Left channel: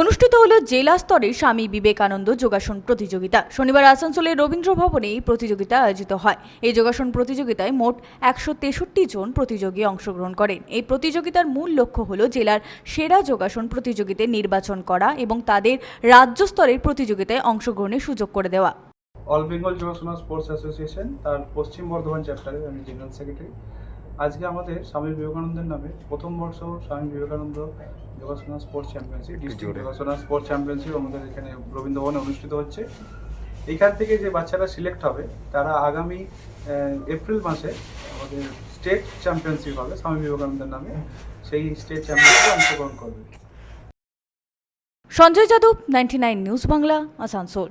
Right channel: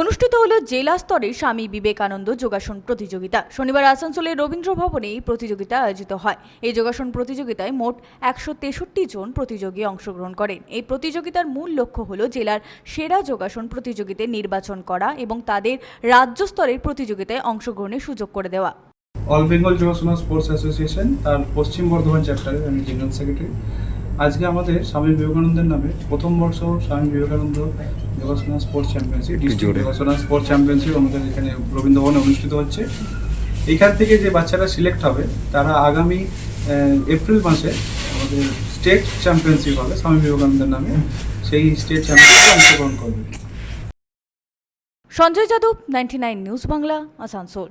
অনুষ্ঠিত হলো জেলা স্তরে স্বামী বিবেকানন্দ যোগাসন প্রতিযোগিতা। শনিবার আসানসোলের রবীন্দ্র ভবনে এই প্রতিযোগিতা আয়োজিত হয়। এই যোগাসন প্রতিযোগিতায় মোট একশো তেষট্টি জন প্রতিযোগী অংশগ্রহণ করেন। এই প্রতিযোগিতার মূল লক্ষ্য হল জেলার সেরা যোগাসন প্রতিযোগিতায় নির্বাচন করা এবং তাদের রাজ্য স্তরের প্রতিযোগিতায় অংশগ্রহণের সুযোগ করে দেওয়া। All Bengal yogasana sports association, তার পশ্চিম বর্ধমান চ্যাপ্টারের আমি জেনারেল সেক্রেটারি। আজকে আমাদের স্বামী বিবেকানন্দের নামে প্রথম বর্ষ Swami Vivekananda yogasana sports championship district yogasana sports championship আমাদের এখানে রবীন্দ্রভবনে অনুষ্ঠিত হচ্ছে। এখান থেকে যে বাচ্চারা সিলেক্ট হবে তারা আগামী এপ্রিল মাসে আমাদের স্টেট চ্যাম্পিয়নশিপ হবে স্বামী বিবেকানন্দের নামে। সেই স্টেট চ্যাম্পিয়নশিপে অংশগ্রহণ করবে। Sanjay Yadav ninety news Bangla Asansol